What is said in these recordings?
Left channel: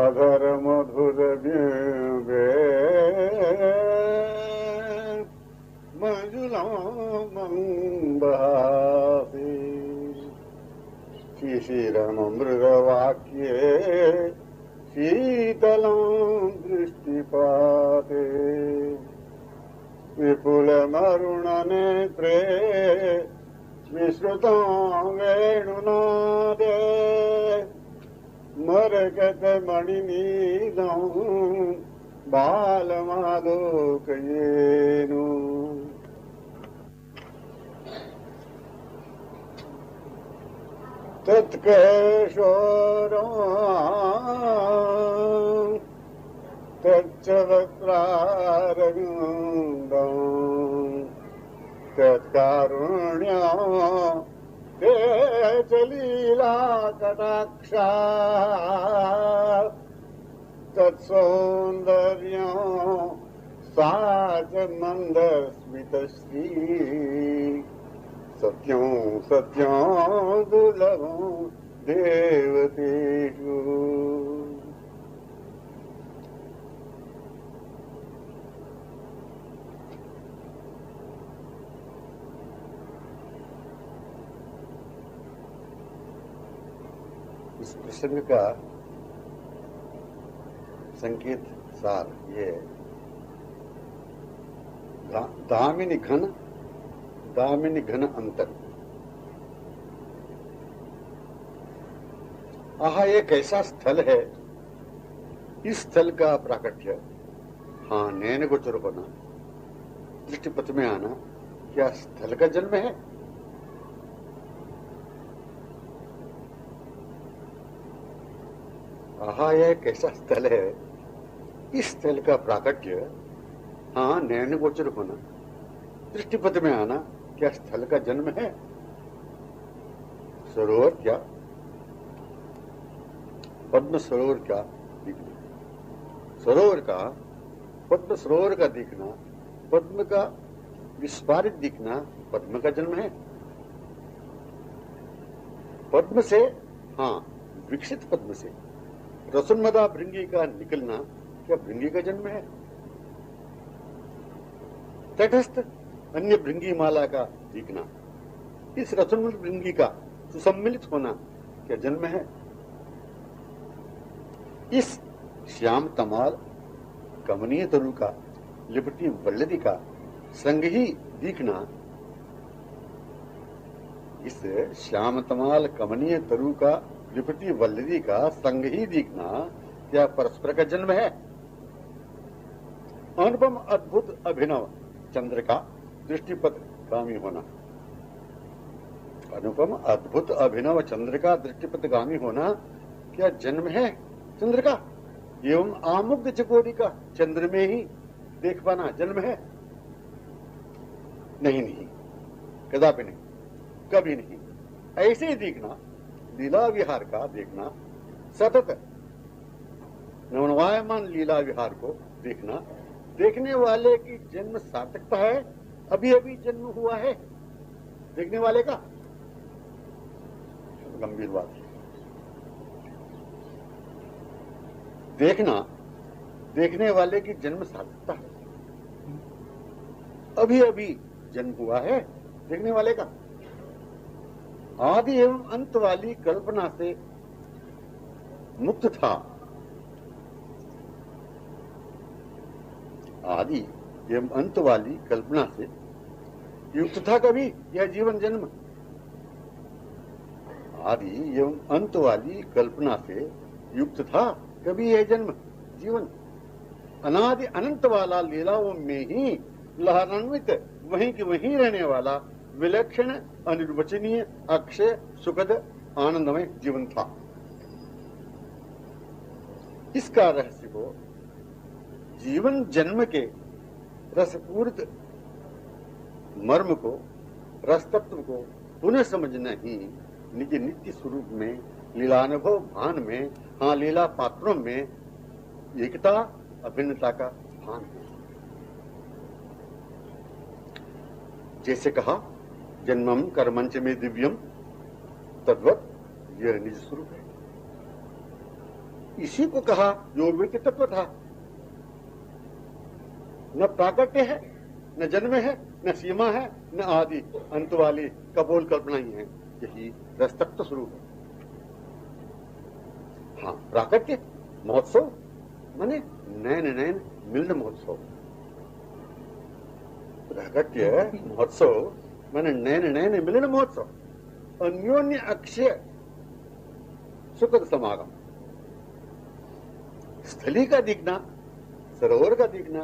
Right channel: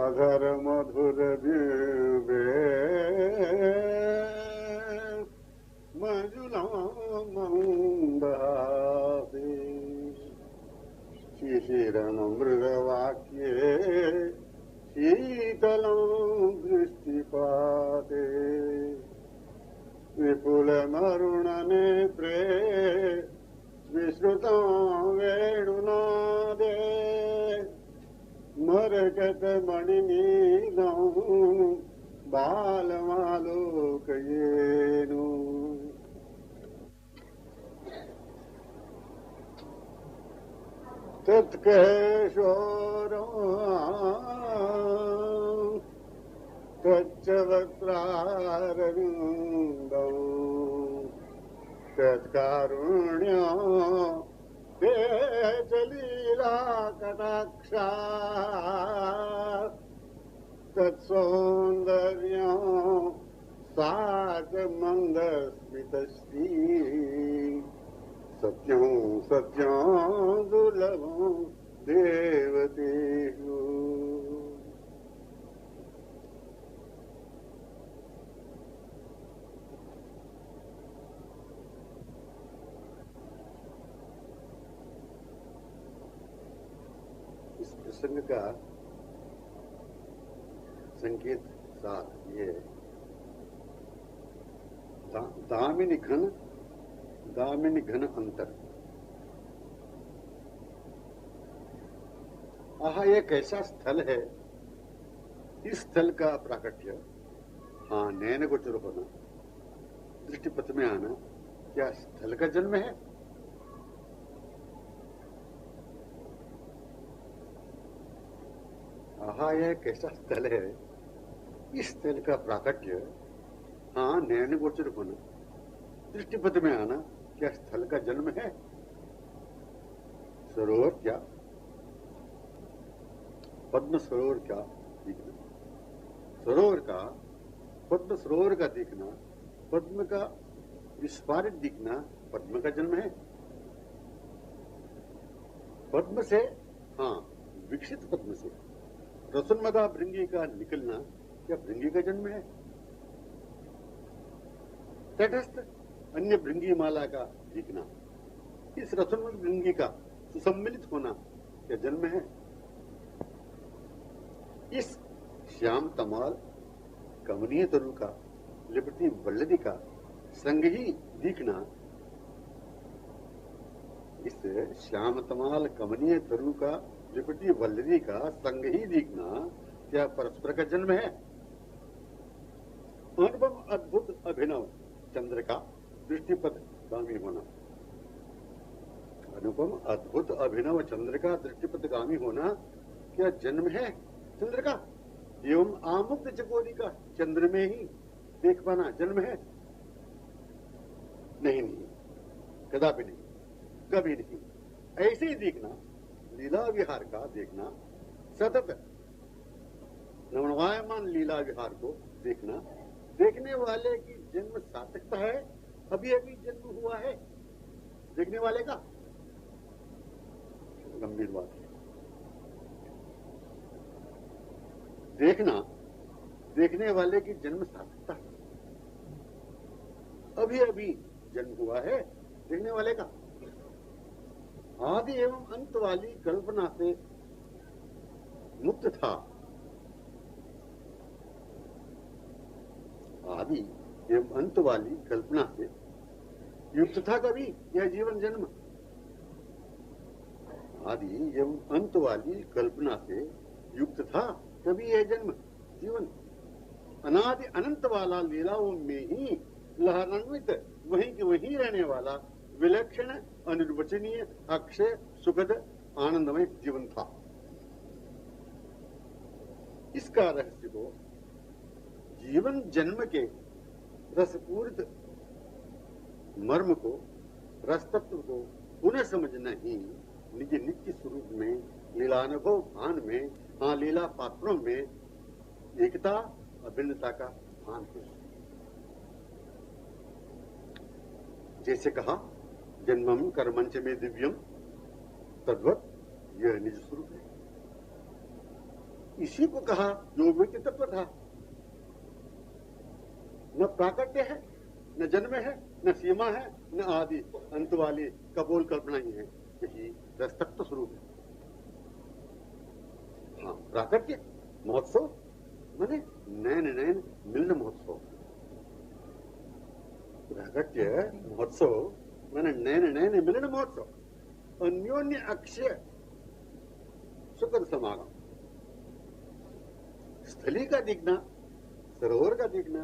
अधर मधुर मंजुला बहासी शिशिरमृग वाक्ये शीतलं दृष्टिपाते विपुल मरुण नेत्रे विश्रुतं वेणुनादे मरकत मणिनीलं बालमालोकयेनु तत्केशोरं तच्च वक्त्रारविन्दं तत्कारुण्यं ते च लीला कटाक्षा तत्सौन्दर्यं सा च मन्दस्मितश्री सत्यं सत्यं दुर्लभं देवतेषु। इस प्रसंग का संकेत सार ये है, दामिनी घन अंतर। आह, ये कैसा स्थल है, इस स्थल का प्राकट्य, हाँ, नैन गोचर होना, दृष्टिपथ में आना, क्या स्थल का जन्म है? आहा, यह कैसा स्थल है, इस स्थल का प्राकट्य, हाँ, नैन गोचर होना, दृष्टिपथ में आना, क्या स्थल का जन्म है? सरोवर क्या, पद्म सरोवर का दिखना, सरोवर का, पद्म सरोवर का दिखना, पद्म का विस्फारित दिखना, पद्म का जन्म है। पद्म से, हाँ, विकसित पद्म से रसोन्मदा भृंगी का निकलना, क्या भृंगी का जन्म है? तटस्थ अन्य भृंगी माला का दिखना, इस रसोन्मद भृंगी का सुसम्मिलित होना, क्या जन्म है? इस श्याम तमाल कमनीय तरु का लिपटी वल्लरी का संग ही दिखना, इस श्याम तमाल कमनीय तरु का लिपटी वल्लरी का संग ही दिखना, क्या परस्पर का जन्म है? अनुपम अद्भुत अभिनव चंद्र का दृष्टिपथ गामी होना, अनुपम अद्भुत अभिनव चंद्र का दृष्टिपथ गामी होना, क्या जन्म है चंद्र का? एवं आमुग्ध चकोरी का चंद्र में ही देख पाना जन्म है? नहीं, नहीं, कदापि नहीं, कभी नहीं। ऐसे ही देखना, लीला विहार का देखना, सतत नवनवायमान लीला विहार को देखना, देखने वाले की जन्म सार्थकता है, अभी अभी जन्म हुआ है देखने वाले का, गंभीर बात है। देखना, देखने वाले की जन्म सार्थकता है, अभी अभी जन्म हुआ है देखने वाले का। आदि एवं अंत वाली कल्पना से मुक्त था, आदि एवं अंत वाली कल्पना से युक्त था कभी यह जीवन जन्म? आदि एवं अंत वाली कल्पना से युक्त था कभी यह जन्म जीवन? अनादि अनंत वाला लीलाओं में ही लहरान्वित वहीं के वहीं रहने वाला विलक्षण अनिर्वचनीय अक्षय सुखद आनंदमय जीवन था। इसका रहस्य को, जीवन जन्म के रसपूरित मर्म को, रस तत्व को पुनः समझना ही निज नित्य स्वरूप में, लीलानुभव भान में, हाँ, लीला पात्रों में एकता अभिन्नता का भान है। जैसे कहा, जन्मम कर्मंच में दिव्यम तद्वत यह निज स्वरूप है। इसी को कहा जो व्यक्ति तत्व था। न प्राकट्य है, न जन्म है, न सीमा है, न आदि अंत वाली कपोल कल्पना ही है। यही रसतत्व स्वरूप है। हाँ, प्राकट्य महोत्सव माने नैन नैन मिलन महोत्सव। प्राकट्य महोत्सव माने नैन नैन मिलन महोत्सव। अन्योन्य अक्षय सुखद समागम। स्थली का दिखना, सरोवर का दिखना,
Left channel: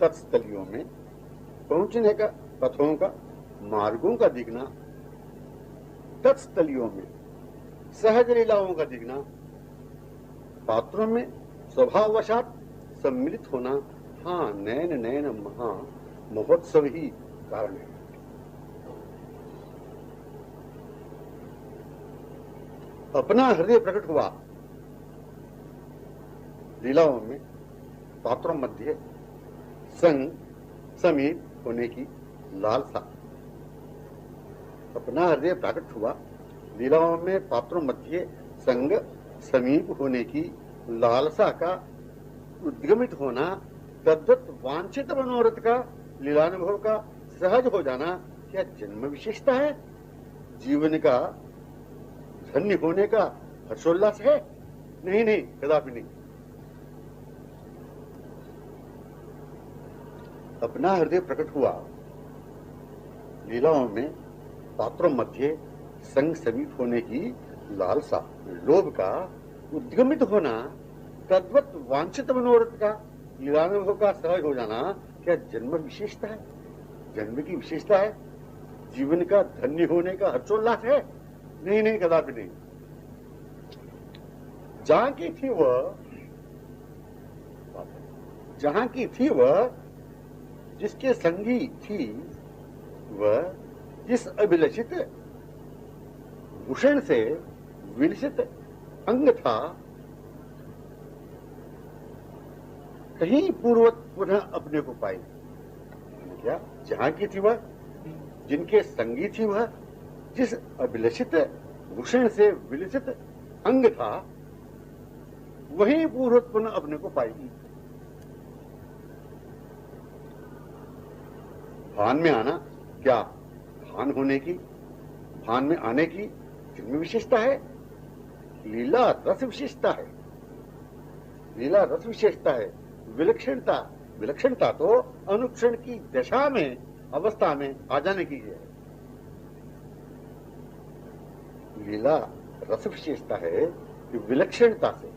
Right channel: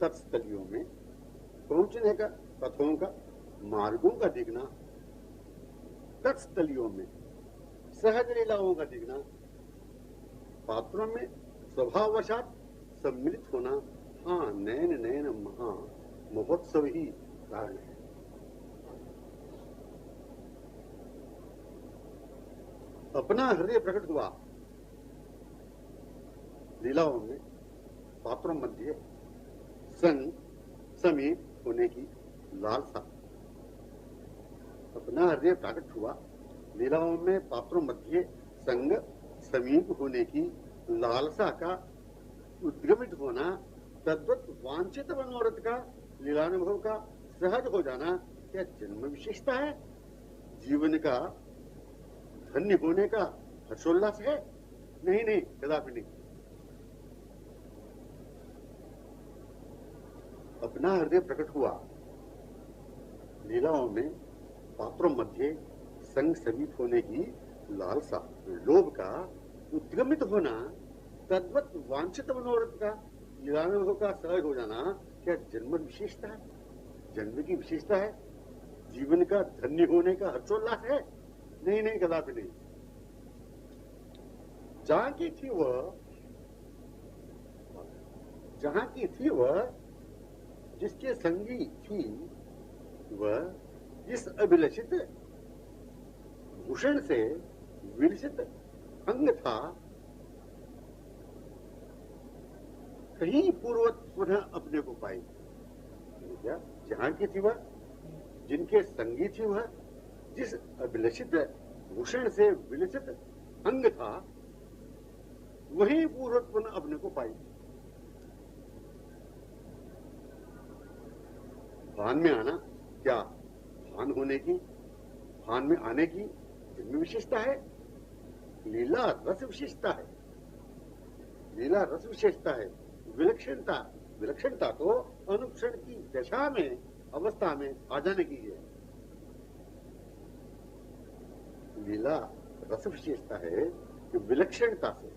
तत्स्थलियों में पहुंचने का पथों का, मार्गों का दिखना, तत्स्थलियों में सहज लीलाओं का दिखना, पात्रों में स्वभाववशात सम्मिलित होना, हाँ, नैन नैन महा महोत्सव ही कारण है। अपना हृदय प्रकट हुआ लीलाओं में, पात्रों मध्य संग समीप होने की लालसा। अपना हृदय प्रकट हुआ लीलाओं में, पात्रों मध्य संग समीप होने की लालसा का उद्गमित होना, तद्वत वांछित मनोरथ का लीलानुभव का सहज हो जाना क्या जन्म विशेषता है? जीवन का धन्य होने का हर्षोल्लास है? नहीं नहीं, कदापि नहीं। अपना हृदय प्रकट हुआ लीलाओं में, पात्रों मध्य संग समीप होने की लालसा, लोभ का उद्गमित होना, तद्वत वांछित मनोरथ का लीलानुभव का सहज हो जाना क्या जन्म विशेषता है? जन्म की विशेषता है? जीवन का धन्य होने का हर्षोल्लास है? नहीं नहीं, कदापि नहीं। जहां की थी वह, जहां की थी वह, जिसके संगी थी वह, जिस अभिलषित भूषण से विलसित अंग था, कहीं पूर्वत पुनः अपने को पाई। क्या? जहां की थी वह, जिनके संगी थी वह, जिस अभिलषित भूषण से विलसित अंग था, वहीं पूर्वत पुनः अपने को पाई। भान में आना, क्या भान होने की, भान में आने की जन्म विशेषता है? लीला रस विशेषता है। लीला रस विशेषता है। विलक्षणता, विलक्षणता तो अनुक्षण की दशा में, अवस्था में आ जाने की है। लीला रस विशेषता है कि विलक्षणता से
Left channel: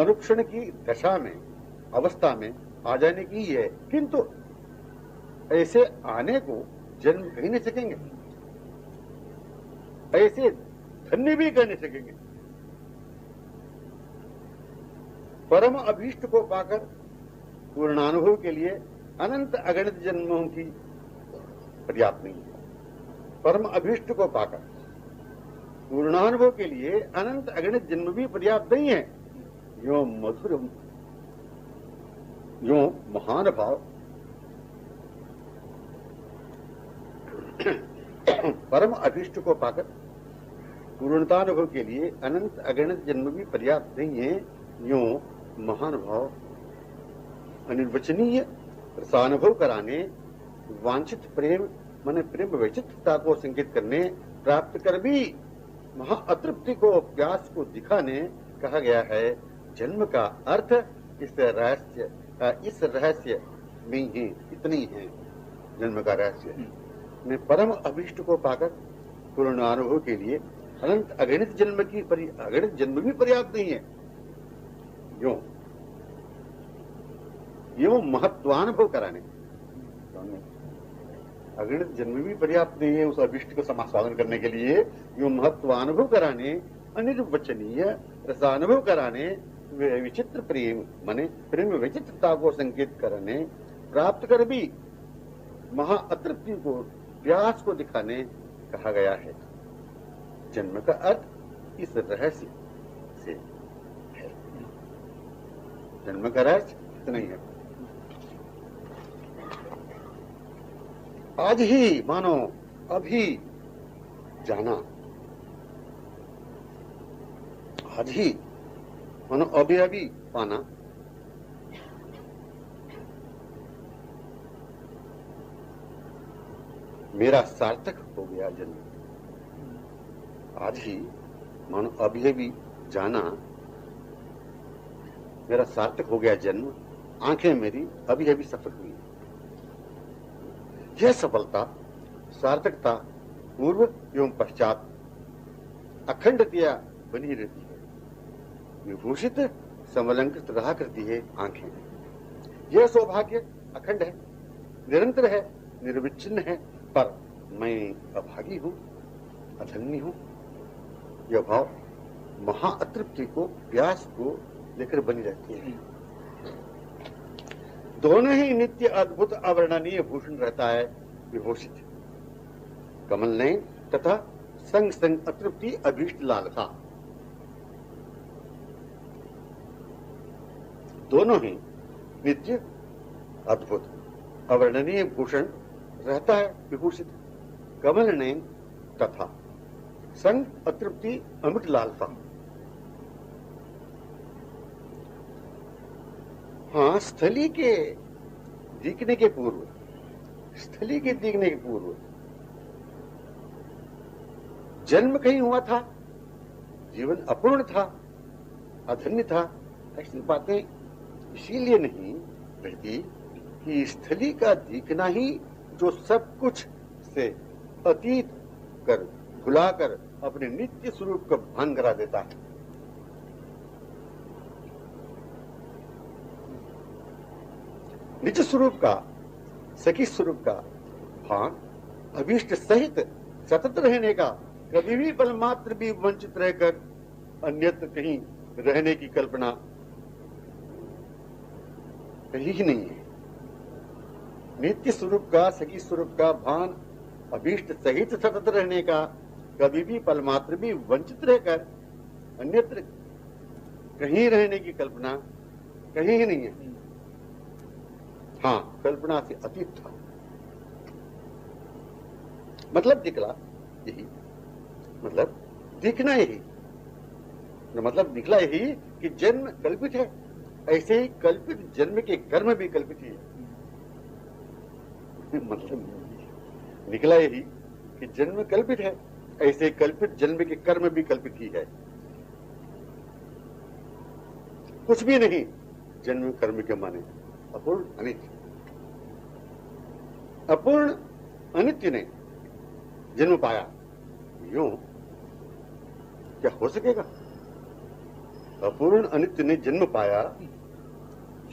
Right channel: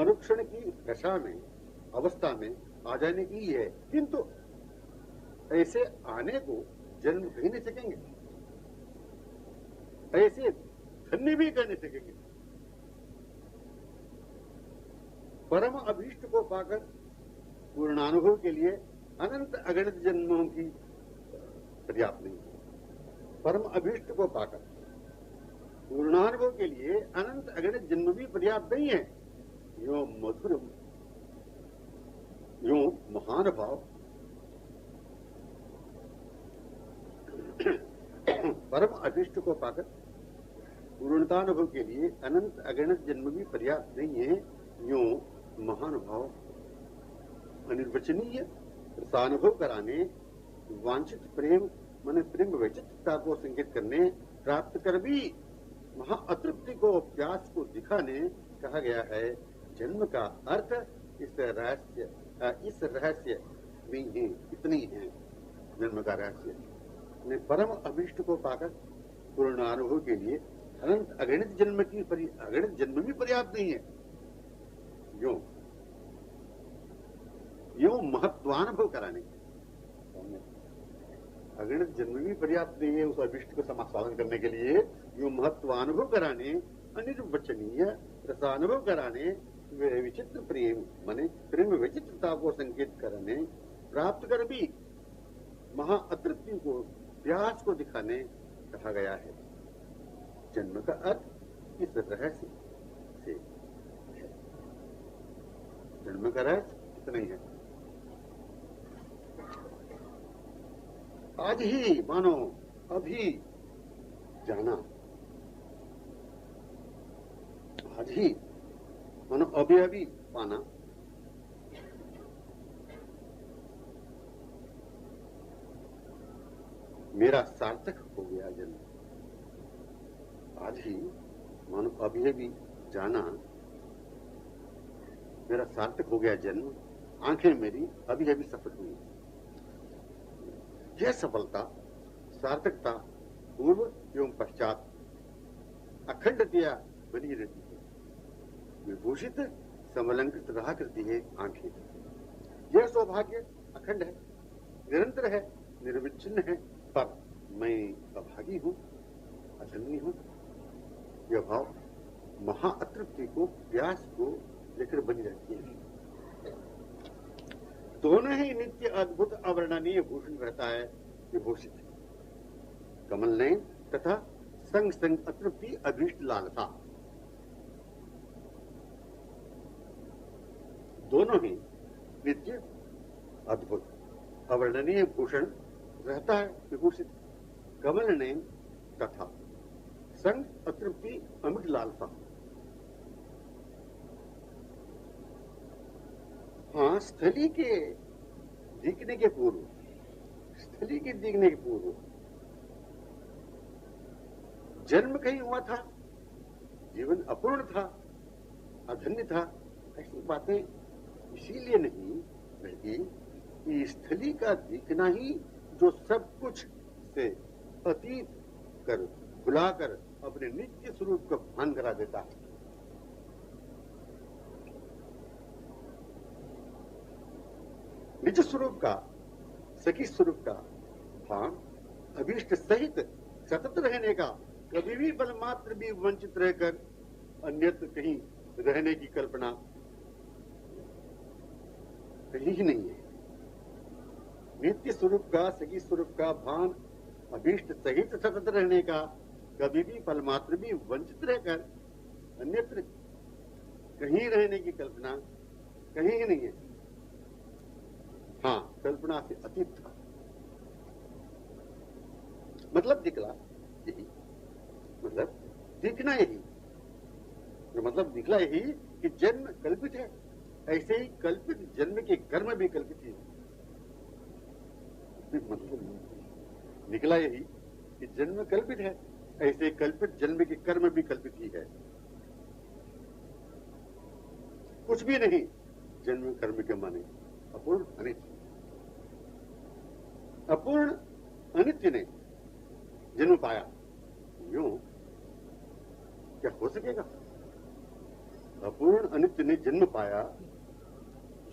अनुक्षण की दशा में, अवस्था में आ जाने की है। किंतु ऐसे आने को जन्म कह नहीं सकेंगे, ऐसे धन्य भी कह नहीं सकेंगे। परम अभीष्ट को पाकर पूर्णानुभव के लिए अनंत अगणित जन्मों की पर्याप्त नहीं है। परम अभीष्ट को पाकर पूर्णानुभव के लिए अनंत अगणित जन्म भी पर्याप्त नहीं है। यो मधुर, यो महान भाव, परम अभीष्ट को पाकर पूर्णतानुभव के लिए अनंत अगणित जन्म भी पर्याप्त नहीं है। यो महान भाव अनिर्वचनीय रसानुभव कराने, वांछित प्रेम माने प्रेम वैचित्रता को संकेत करने, प्राप्त कर भी महा अतृप्ति को, प्यास को दिखाने कहा गया है। जन्म का अर्थ इस रहस्य में ही इतनी है। जन्म का रहस्य में परम अभीष्ट को पाकर पूर्णानुभव के लिए अनंत अगणित जन्म भी पर्याप्त नहीं है। यो महत्वानुभव कराने, अगणित जन्म भी पर्याप्त नहीं है उस अभिष्ट को समास्वादन करने के लिए। यो महत्वानुभव कराने, अनिर्वचनीय रसानुभव कराने, विचित्र प्रेम माने प्रेम विचित्रता को संकेत करने, प्राप्त कर भी महा अतृप्ति को, प्यास को दिखाने कहा गया है। जन्म का अर्थ इस रहस्य से है। जन्म का रहस्य इतना ही है। आज ही मानो अभी जाना, आज ही मानो अभी अभी पाना, मेरा सार्थक हो गया जन्म। आज ही मानो अभी अभी जाना, मेरा सार्थक हो गया जन्म, आंखें मेरी अभी अभी सफल हुई। यह सफलता सार्थकता पूर्व एवं पश्चात अखंडतया बनी रहती है, विभूषित समलंकृत रहा करती है आंखें। यह सौभाग्य अखंड है, निरंतर है, निर्विच्छिन्न है, पर मैं अभागी हूं, अधन्य हूं। यह भाव महाअतृप्ति को, प्यास को लेकर बनी रहती है। दोनों ही नित्य अद्भुत अवर्णनीय भूषण रहता है, विभूषित कमल नयन तथा संग संग अतृप्ति अभीष्ट लालसा। दोनों ही नित्य अद्भुत अवर्णनीय भूषण रहता है, विभूषित कमल नयन तथा संग अतृप्ति अमृत लालसा। हाँ, स्थली के दिखने के पूर्व, स्थली के दिखने के पूर्व जन्म कहीं हुआ था, जीवन अपूर्ण था, अधन्य था, ऐसी बातें इसीलिए नहीं रहती कि स्थली का दिखना ही जो सब कुछ से अतीत कर, भुलाकर अपने नित्य स्वरूप का भान करा देता है। निज स्वरूप का, सखी स्वरूप का भान अभीष्ट सहित सतत रहने का, कभी भी पल मात्र भी वंचित रहकर अन्यत्र कहीं रहने की कल्पना कहीं ही नहीं है। नित्य स्वरूप का, सखी स्वरूप का भान अभीष्ट सहित सतत रहने का, कभी भी पल मात्र भी वंचित रहकर अन्यत्र कहीं रहने की कल्पना कहीं ही नहीं है। हाँ, कल्पना से अतीत था। मतलब निकला यही, मतलब दिखना यही, मतलब निकला यही कि जन्म कल्पित है, ऐसे ही कल्पित जन्म के कर्म भी कल्पित ही है। मतलब निकला यही कि जन्म कल्पित है, ऐसे कल्पित जन्म के कर्म भी कल्पित ही है। कुछ भी नहीं जन्म कर्म के माने अपूर्ण अनित्य। अपूर्ण अनित्य ने जन्म पाया, यूं क्या हो सकेगा? अपूर्ण अनित्य ने जन्म पाया,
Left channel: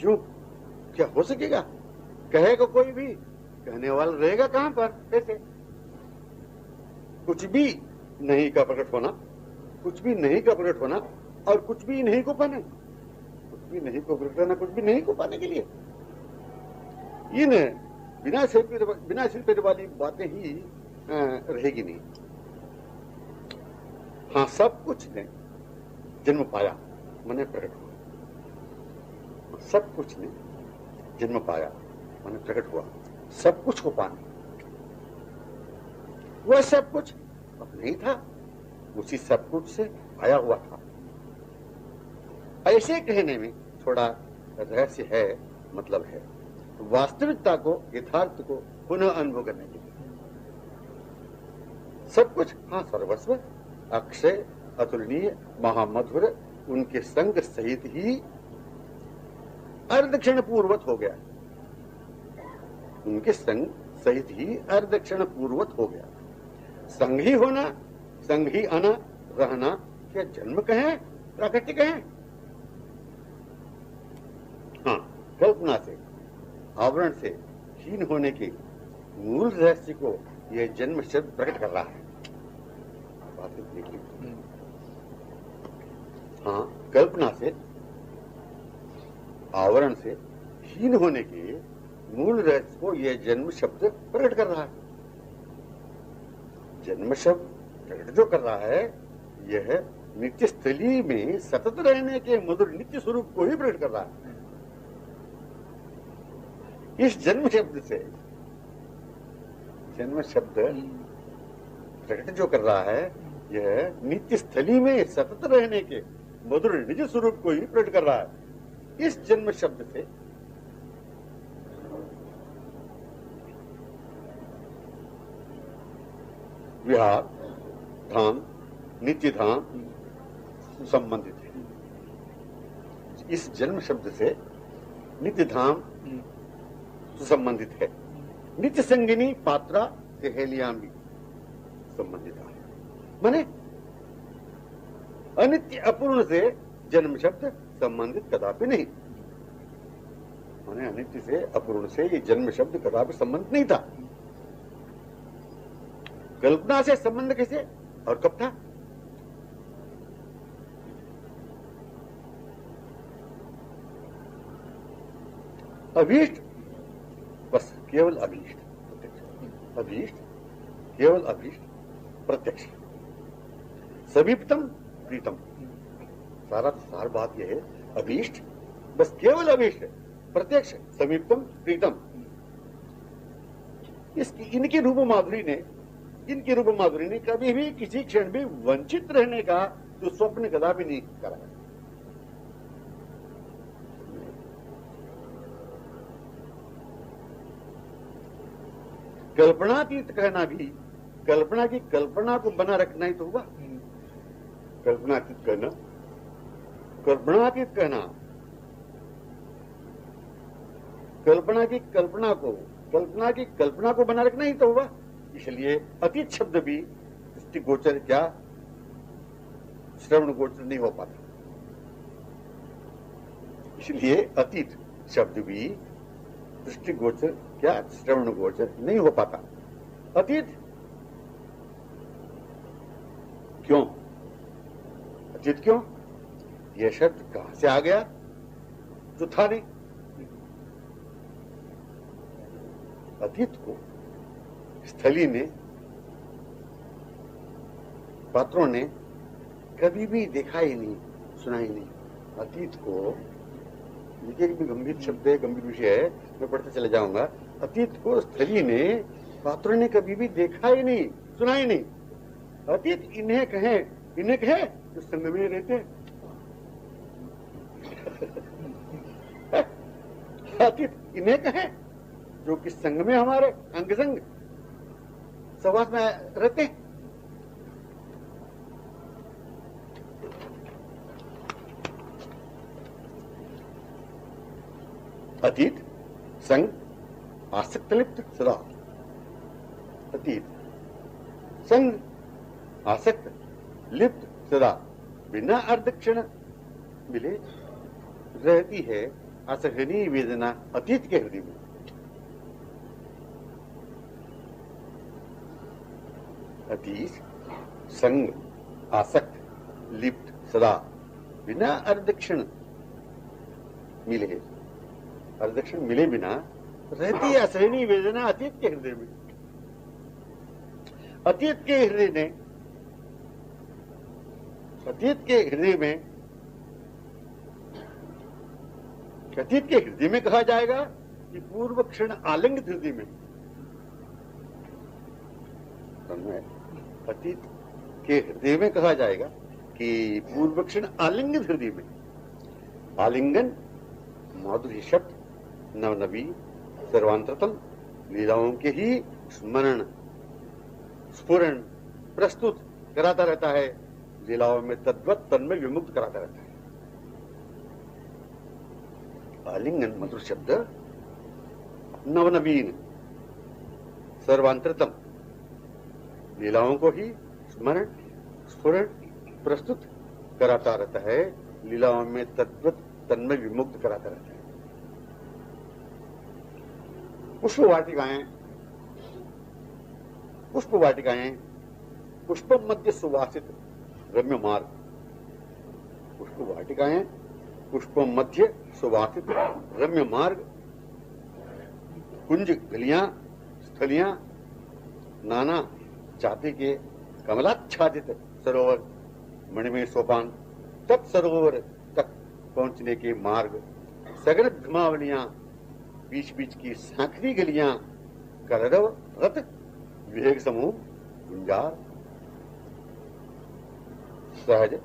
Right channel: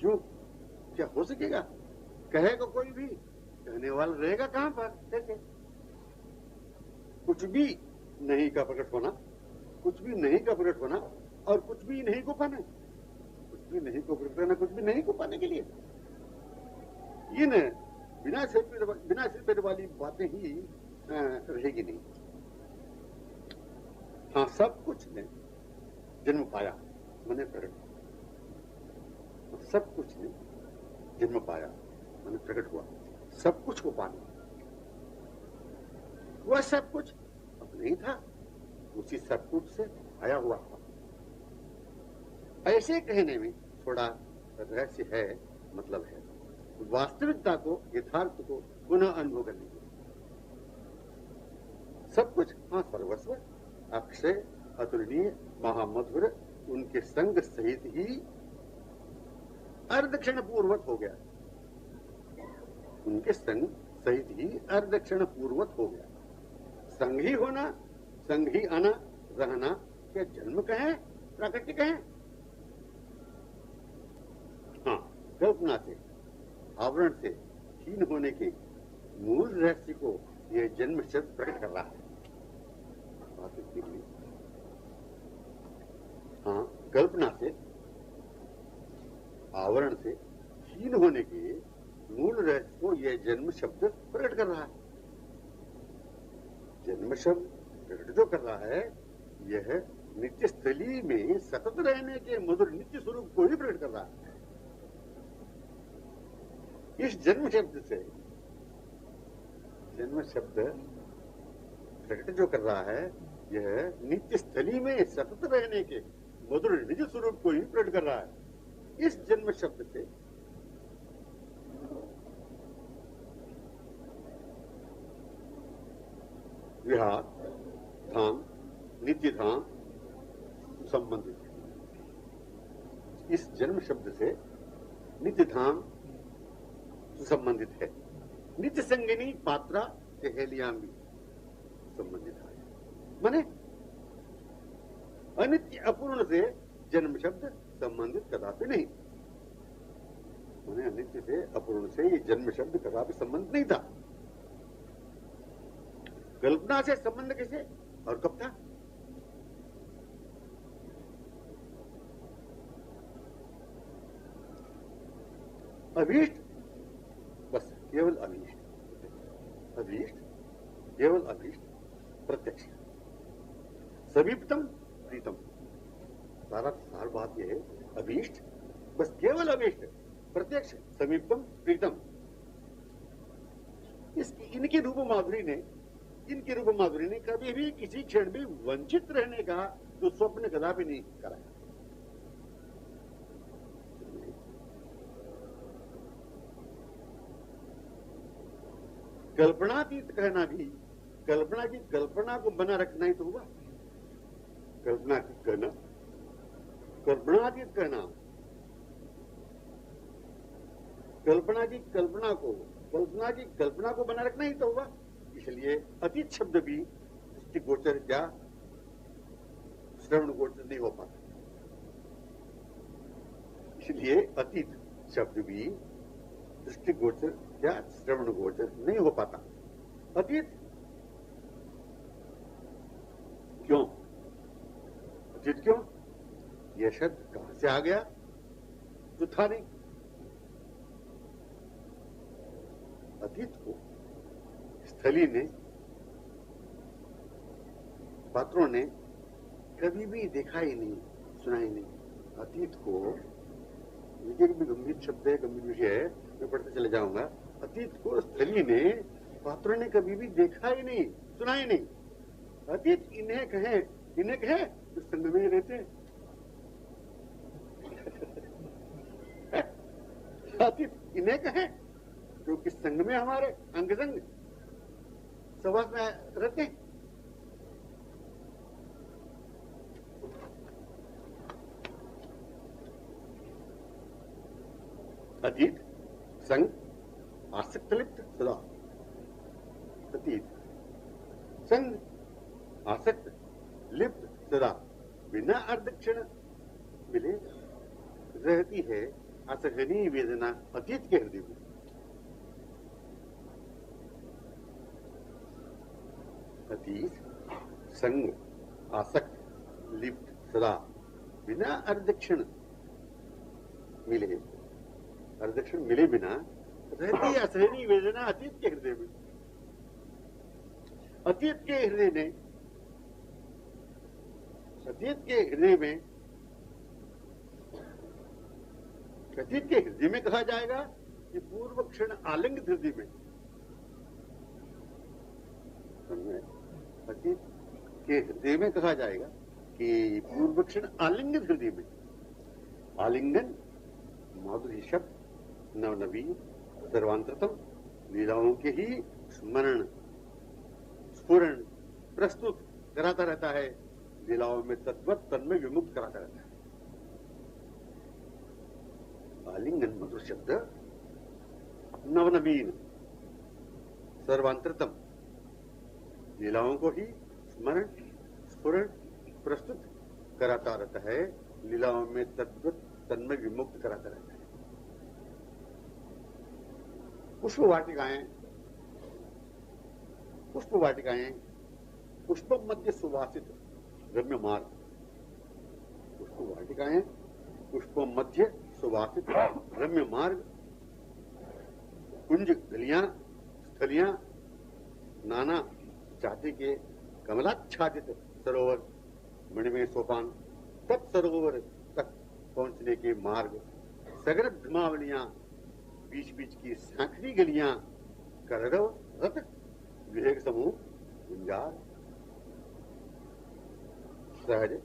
यूं क्या हो सकेगा? कहेगा कोई भी, कहने वाला रहेगा कहां पर, कैसे? कुछ भी नहीं का प्रकट होना, कुछ भी नहीं का प्रकट होना और कुछ भी नहीं को पाने, कुछ भी नहीं को प्रकट होना, कुछ भी नहीं को पाने के लिए इन बिना सिर पैर वाली बातें ही रहेगी नहीं। हाँ, सब कुछ ने जन्म पाया मैंने प्रकट हुआ, सब कुछ ने जन्म पाया मैंने प्रकट हुआ, सब कुछ को पाने। वह सब कुछ अब नहीं था, उसी सब कुछ से आया हुआ था। ऐसे कहने में थोड़ा रहस्य है, मतलब है वास्तविकता को, यथार्थ को पुनः अनुभव करने के लिए। सब कुछ, हाँ, सर्वस्व अक्षय अतुलनीय महामधुर उनके संग सहित ही अर्धक्षण पूर्वत हो गया, उनके संग सहित ही अर्धक्षण पूर्वत हो गया। संग ही होना, संग ही आना, रहना, क्या जन्म कहें, प्राकृतिक कहें? हाँ, कल्पना से, आवरण से हीन होने के मूल रहस्य को यह जन्म शब्द प्रकट कर रहा है। बात निकली। हाँ, कल्पना से, आवरण से हीन होने के मूल रहस्य को यह जन्म शब्द प्रकट कर रहा है। जन्म शब्द प्रकट जो कर रहा है, यह नित्य स्थली में सतत रहने के मधुर नित्य स्वरूप को ही प्रकट कर रहा है। इस जन्म शब्द से, जन्म शब्द प्रकट जो कर रहा है यह नित्य स्थली में सतत रहने के मधुर निज स्वरूप को ही प्रकट कर रहा है। इस जन्म शब्द से विहार धाम नित्य धाम संबंधित है। इस जन्म शब्द से नित्य धाम संबंधित है। नित्य संगिनी पात्रा सहेलियां भी संबंधित है। माने अनित्य अपूर्ण से जन्म शब्द संबंधित कदापि नहीं। माने अनित्य से अपूर्ण से ये जन्म शब्द कदापि संबंध नहीं था। कल्पना से संबंध कैसे और कब था? अभीष्ट, बस केवल अभीष्ट, अभीष्ट केवल अभीष्ट प्रत्यक्ष, समीपतम प्रीतम। सार बात यह है, अभीष्ट बस केवल अभीष्ट, प्रत्यक्ष, समीपतम, प्रीतम। इनकी रूप माधुरी ने कभी भी किसी क्षण भी वंचित रहने का जो स्वप्न कदापि नहीं करा। कल्पनातीत कहना भी कल्पना की कल्पना को बना रखना ही तो हुआ। कल्पनातीत कहना, कल्पनातीत कहना, कल्पना की कल्पना को बना रखना ही तो हुआ। इसलिए अतीत शब्द भी दृष्टि गोचर क्या श्रवण गोचर नहीं हो पाता। इसलिए अतीत शब्द भी दृष्टि गोचर क्या श्रवण गोचर नहीं हो पाता। अतीत क्यों? अतीत क्यों? यह शब्द कहां से आ गया जो था नहीं। अतीत को स्थली ने, पात्रों ने कभी भी देखा ही नहीं, सुना ही नहीं। अतीत को, ये भी गंभीर शब्द है, गंभीर विषय है, मैं पढ़ते चले जाऊंगा। अतीत को स्थली ने, पात्रों ने कभी भी देखा ही नहीं, सुना ही नहीं। अतीत इन्हें कहें जो संग में रहते हैं। अतीत इन्हें कहें जो कि संग में हमारे अंग संग सहवास में रहते हैं। अतीत संग आसक्त लिप्त सदा, अतीत संग आसक्त लिप्त सदा, बिना अर्ध क्षण मिले रहती है असहनीय वेदना अतीत के हृदय में। अतीत संग आसक्त लिप्त सदा, बिना अर्धक्षण मिले, अर्धक्षण मिले बिना रहती है असहनीय वेदना अतीत के हृदय में। अतीत के हृदय में अतीत के हृदय में कहा जाएगा कि पूर्व क्षण आलिंगित हृदय में। अतीत के हृदय में कहा जाएगा कि पूर्व क्षण आलिंगित हृदय में। आलिंगन माधुर्य शब्द नवनवी सर्वांतरतम लीलाओं के ही स्मरण स्फुरण प्रस्तुत कराता रहता है, लीलाओं में तद्वत तन्मय विमुक्त कराता रहता है। आलिंगन मधुर शब्द नवनवीन सर्वांतरतम लीलाओं को ही स्मरण स्फुरण प्रस्तुत कराता रहता है, लीलाओं में तद्वत तन्मय विमुक्त कराता रहता है। पुष्प वाटिकाएं पुष्प मध्य सुवासित रम्य मार्ग, पुष्प वाटिकाएं पुष्प मध्य सुवासित रम्य मार्ग, कुंज गलियां स्थलियां नाना जाति के कमलाच्छादित सरोवर मणिमय सोपान, तत्सरोवर तक पहुंचने के मार्ग, सघन घुमावलियां बीच बीच की सांखरी गलियां, कलरव रथ विवेक समूह गुंजार सहज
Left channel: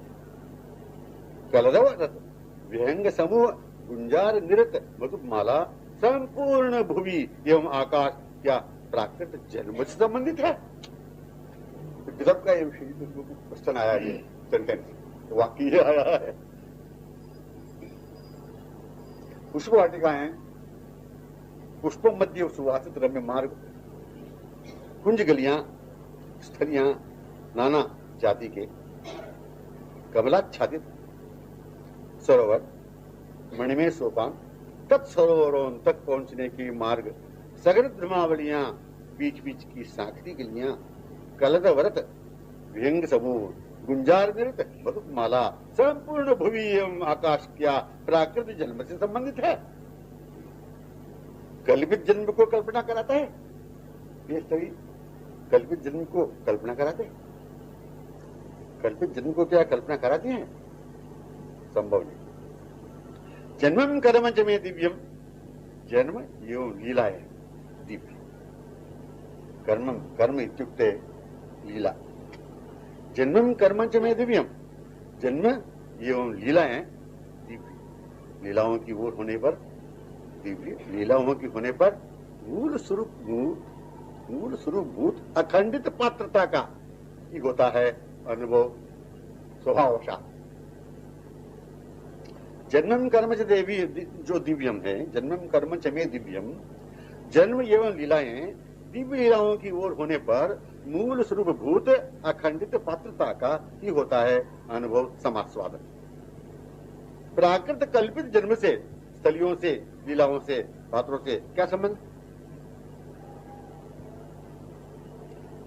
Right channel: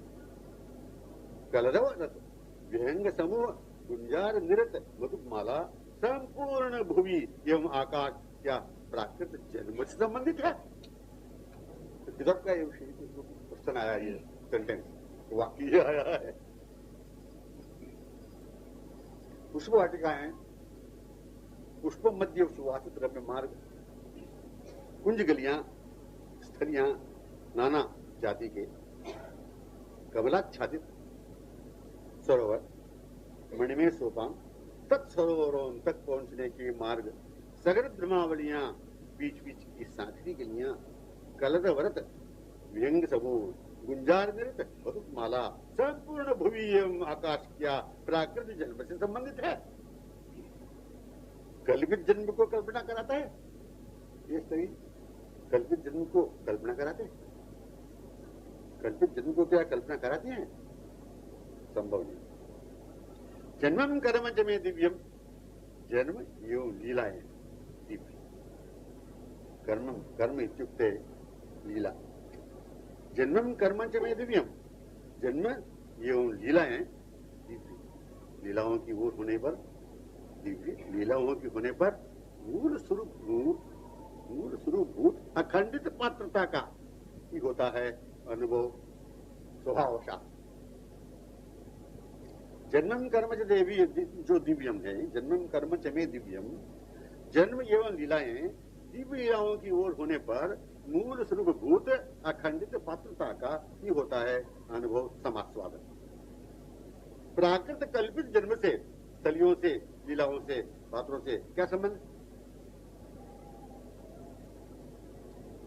कलरव रत विहंग समूह गुंजार निरत मधुमाला संपूर्ण भुवि एवं आकाश क्या प्राकृत जन्म से संबंधित है? गजब का ये क्वेश्चन आया, ये सेंटेंस वाक्य आया है। पुष्प वाटिकाएं, पुष्पों मध्य सुवासित रम्य मार्ग, कुंज गलियां, स्थलियां, नाना जाति के कमलाच्छादित सरोवर, मणिमय सोपान, तत्सरोवरों तक पहुंचने के मार्ग, सगल ब्रह्मावलियां, बीच बीच की सांखरी गलियां, कलरवरत विहंग समूह, गुंजार निरत मधुमाला, संपूर्ण भुवि एवं आकाश क्या प्राकृतिक जन्म से संबंधित है? कल्पित जन्म को कल्पना कराता है ये सभी? कल्पित जन्म को कल्पना कराते हैं? कल्पित जन्म को क्या कल्पना कराती हैं? संभव नहीं। जन्मम कर्म च मे दिव्यम, जन्म एवं लीलाएं दिव्य। कर्मम, कर्म इत्युक्ते लीला। जन्मम कर्म च मे दिव्यम, जन्म एवं लीलाएं दिव्य। लीलाओं की ओर होने पर दिव्य, लीलाओं की होने पर मूल स्वरूप भूत अखंडित पात्रता का ही होता है अनुभव स्वभावशाह। जन्मम कर्म च देवी जो दिव्यम है, जन्मम कर्म च मे दिव्यम, जन्म एवं लीलाएं दिव्य लीलाओं की ओर होने पर मूल स्वरूप भूत अखंडित पात्रता का ही होता है अनुभव समास्वादन। प्राकृत कल्पित जन्म से, स्थलियों से, लीलाओं से, पात्रों से क्या संबंध?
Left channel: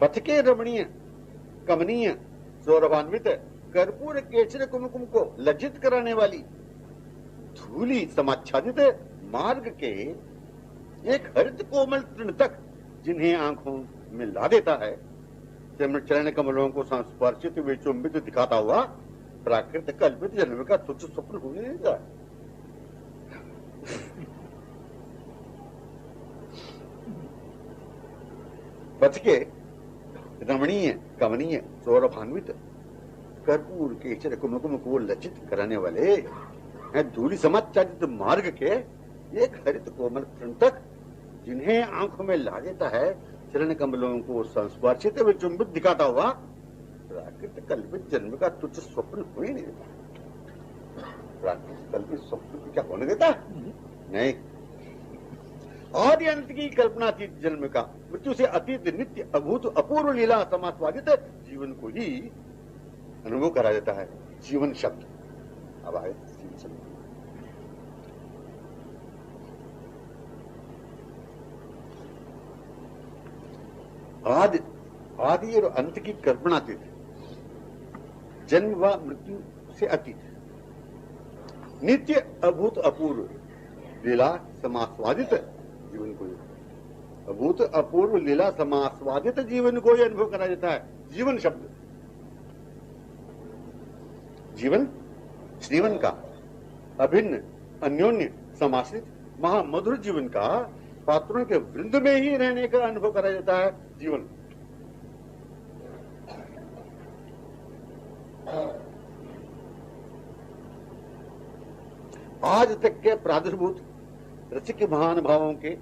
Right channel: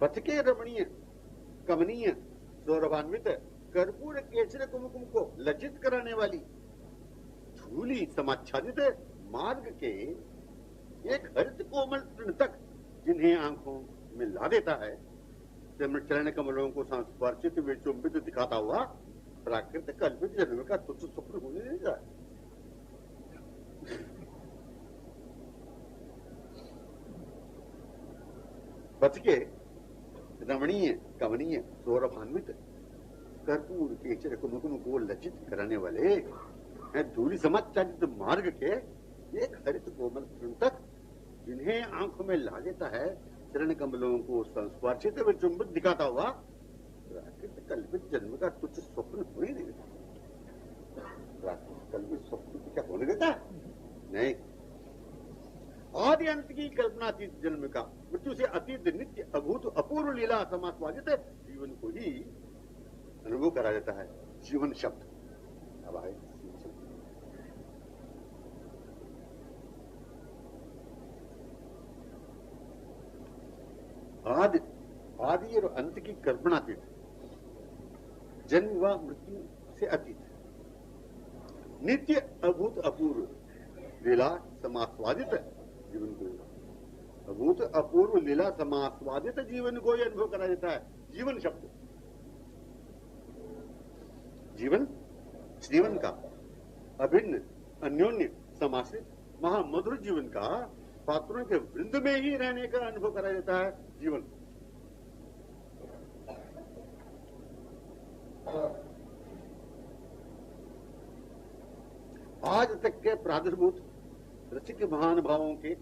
पथ के रमणीय कमनीय सौरभान्वित कर्पूर केसर कुमकुम को लज्जित कराने वाली धूली समाच्छादित मार्ग के एक हरित कोमल तृण तक जिन्हें आंखों में ला देता है, चरण कमलों को संस्पर्शित विचुंबित दिखाता हुआ प्राकृत कल्पित जन्म का तुच्छ स्वप्न होने देगा। पथ के रमणीय कमनीय सौरभान्वित कर्पूर केसर कुमकुम को लज्जित कराने वाले धूलि समाच्छादित मार्ग के एक हरित कोमल तृण तक जिन्हें आंखों में ला देता है, चरण कमलों को संस्पर्शित विचुंबित दिखाता हुआ प्राकृत कल्पित जन्म का तुच्छ स्वप्न हो ही नहीं देता। प्राकृत कल्पित स्वप्न को क्या होने देता? नहीं। आदि अंत की कल्पनातीत जन्म का, मृत्यु से अतीत नित्य अभूत अपूर्व लीला समास्वादित जीवन को ही अनुभव करा देता है जीवन शब्द। अब आए जीवन शब्द। आदि और अंत की कल्पनातीत, जन्म व मृत्यु से अतीत, नित्य अभूत अपूर्व लीला समास्वादित जीवन को, अभूत अपूर्व लीला समास्वादित जीवन को ही अनुभव करा देता है जीवन शब्द। जीवन जीवन का अभिन्न अन्योन्य समाश्रित महामधुर जीवन का पात्रों के वृंद में ही रहने का अनुभव करा जाता है जीवन। आज तक के प्रादुर्भूत रसिक महानुभावों के